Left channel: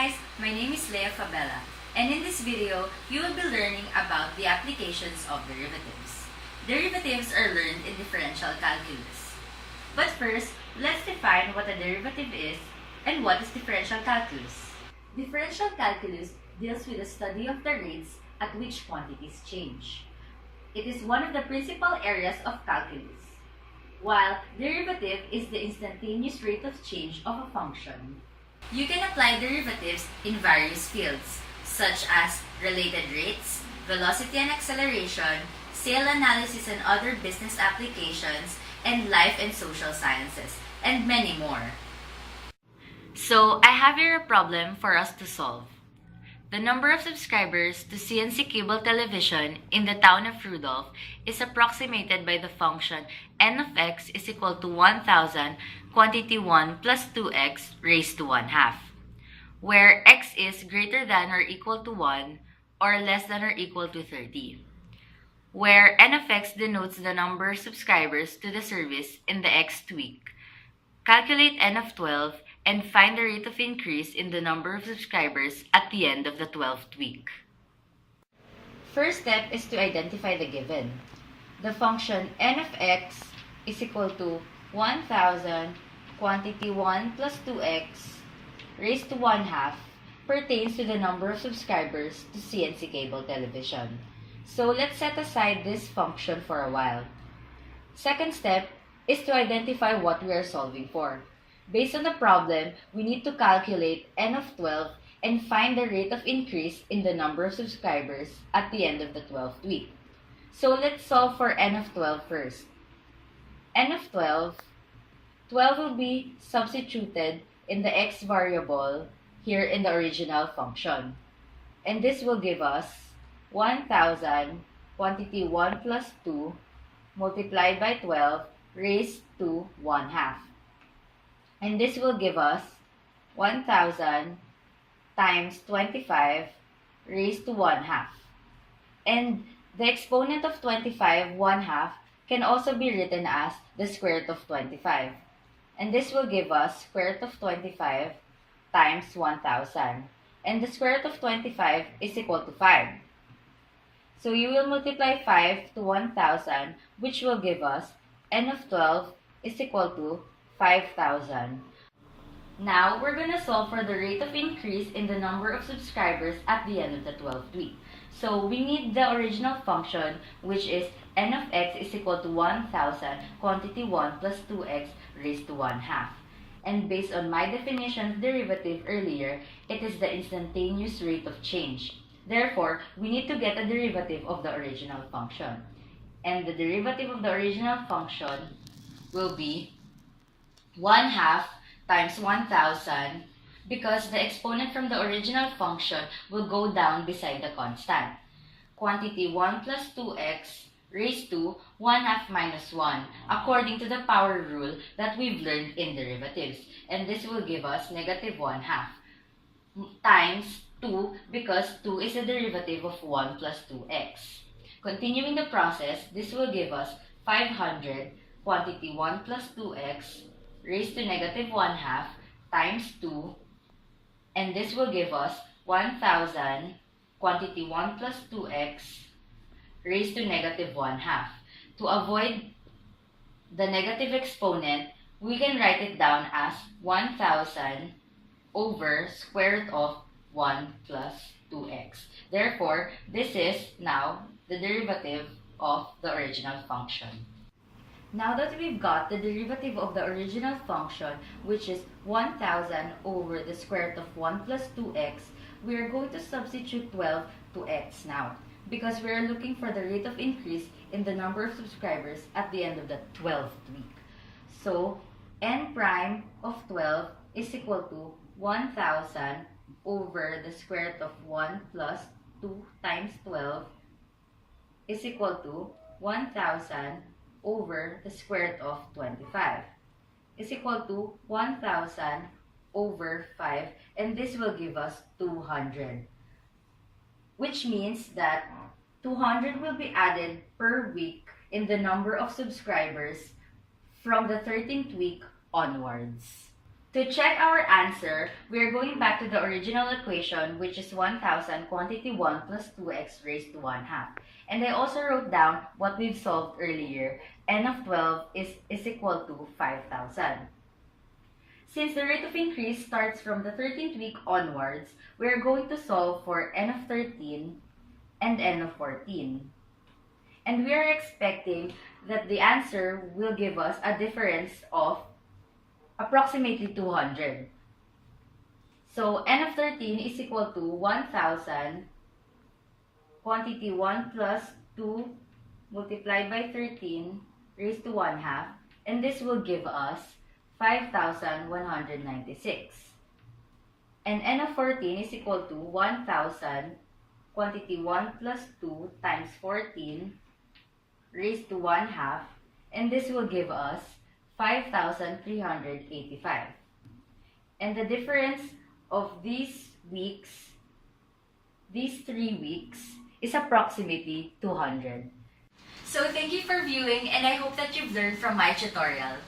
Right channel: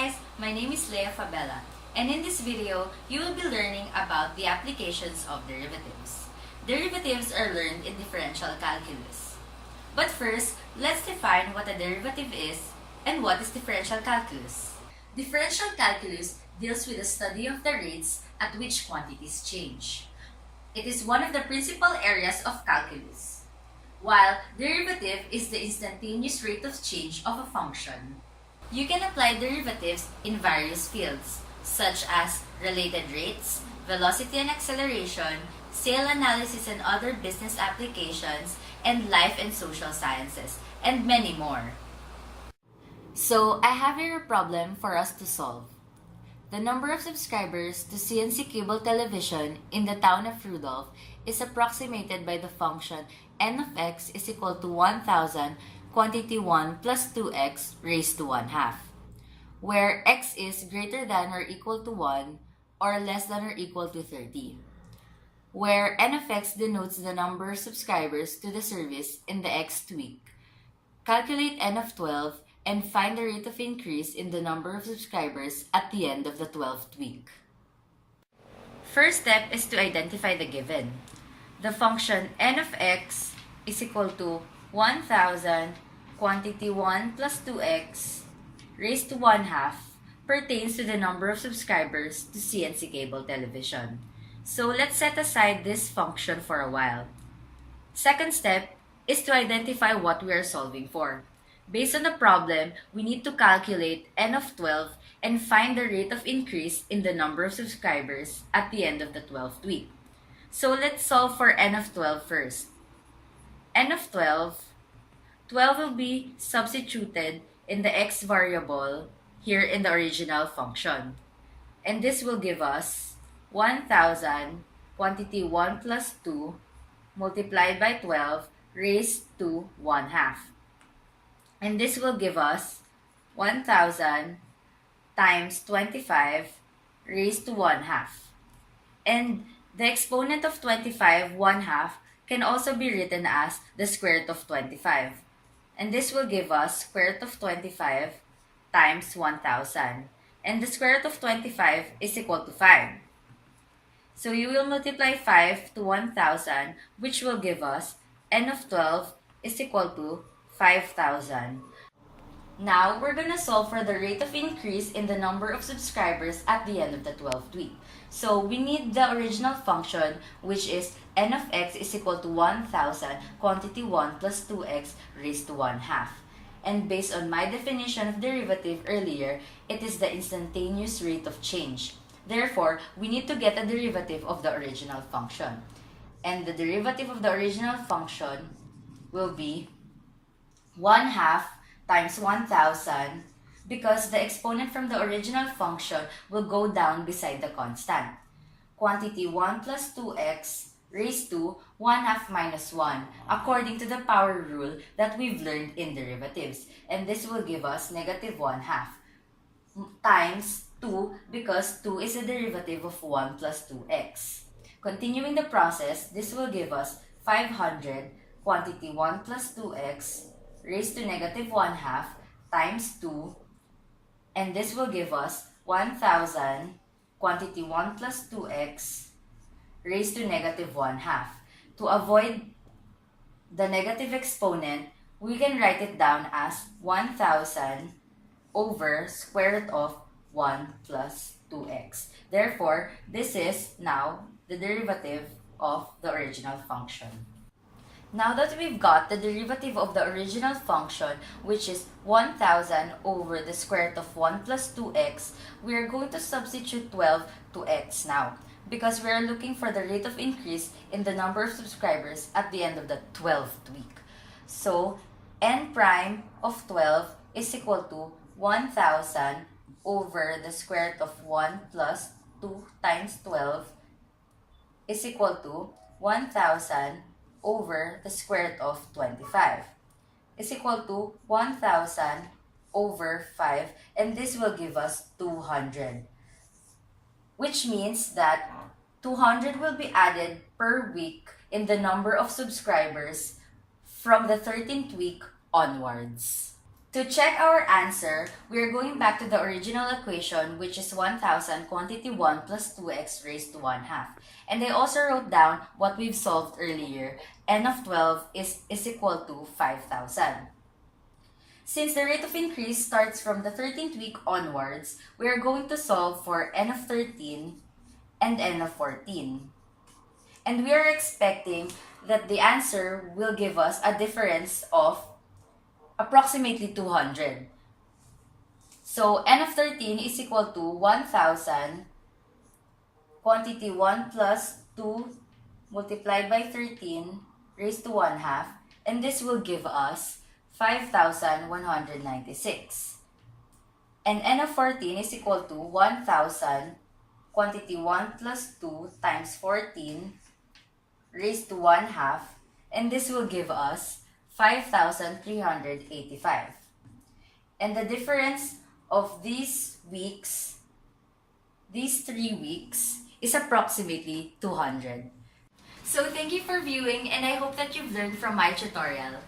guys, my name is Leah Fabella, and in this video, you will be learning about the applications of derivatives. Derivatives are learned in differential calculus. But first, let's define what a derivative is and what is differential calculus. Differential calculus deals with the study of the rates at which quantities change. It is one of the principal areas of calculus, while derivative is the instantaneous rate of change of a function. You can apply derivatives in various fields, such as related rates, velocity and acceleration, sale analysis and other business applications, and life and social sciences, and many more. So, I have here a problem for us to solve. The number of subscribers to CNC cable television in the town of Rudolph is approximated by the function n of x is equal to 1,000 quantity 1 plus 2x raised to 1/2, where x is greater than or equal to 1 or less than or equal to 30, where n of x denotes the number of subscribers to the service in the xth week. Calculate n of 12 and find the rate of increase in the number of subscribers at the end of the 12th week. First step is to identify the given. The function n of x is equal to 1,000 quantity 1 plus 2x raised to 1/2 pertains to the number of subscribers to CNC cable television. So let's set aside this function for a while. Second step is to identify what we are solving for. Based on the problem, we need to calculate n of 12 and find the rate of increase in the number of subscribers at the end of the 12th week. So let's solve for n of 12 first. N of 12 will be substituted in the x variable here in the original function. And this will give us 1,000 quantity 1 plus 2 multiplied by 12 raised to 1/2. And this will give us 1,000 times 25 raised to 1/2. And the exponent of 25, 1/2, can also be written as the square root of 25. And this will give us square root of 25 times 1,000. And the square root of 25 is equal to 5. So you will multiply 5 to 1,000, which will give us n of 12 is equal to 5,000. Now, we're going to solve for the rate of increase in the number of subscribers at the end of the 12th week. So, we need the original function, which is n of x is equal to 1,000 quantity 1 plus 2x raised to 1/2. And based on my definition of derivative earlier, it is the instantaneous rate of change. Therefore, we need to get a derivative of the original function. And the derivative of the original function will be 1/2 times 1,000, because the exponent from the original function will go down beside the constant. Quantity 1 plus 2x raised to 1/2 minus 1, according to the power rule that we've learned in derivatives. And this will give us negative 1/2 times 2, because 2 is a derivative of 1 plus 2x. Continuing the process, this will give us 500 quantity 1 plus 2x raised to negative 1/2 times 2, and this will give us 1,000 quantity 1 plus 2x raised to negative 1/2. To avoid the negative exponent, we can write it down as 1,000 over square root of 1 plus 2x. Therefore, this is now the derivative of the original function. Now that we've got the derivative of the original function, which is 1,000 over the square root of 1 plus 2x, we're going to substitute 12 to x now, because we're looking for the rate of increase in the number of subscribers at the end of the 12th week. So, n prime of 12 is equal to 1,000 over the square root of 1 plus 2 times 12 is equal to 1,000 over the square root of 25 is equal to 1,000 over 5, and this will give us 200, which means that 200 will be added per week in the number of subscribers from the 13th week onwards. To check our answer, we are going back to the original equation, which is 1000 quantity 1 plus 2x raised to 1 half. And I also wrote down what we've solved earlier. N of 12 is equal to 5,000. Since the rate of increase starts from the 13th week onwards, we are going to solve for n of 13 and n of 14. And we are expecting that the answer will give us a difference of approximately 200. So n of 13 is equal to 1000 quantity 1 plus 2 multiplied by 13 raised to 1 half, and this will give us 5,196. And n of 14 is equal to 1000 quantity 1 plus 2 times 14 raised to 1 half, and this will give us 5,385. And the difference of these 3 weeks, is approximately 200. So thank you for viewing, and I hope that you've learned from my tutorial.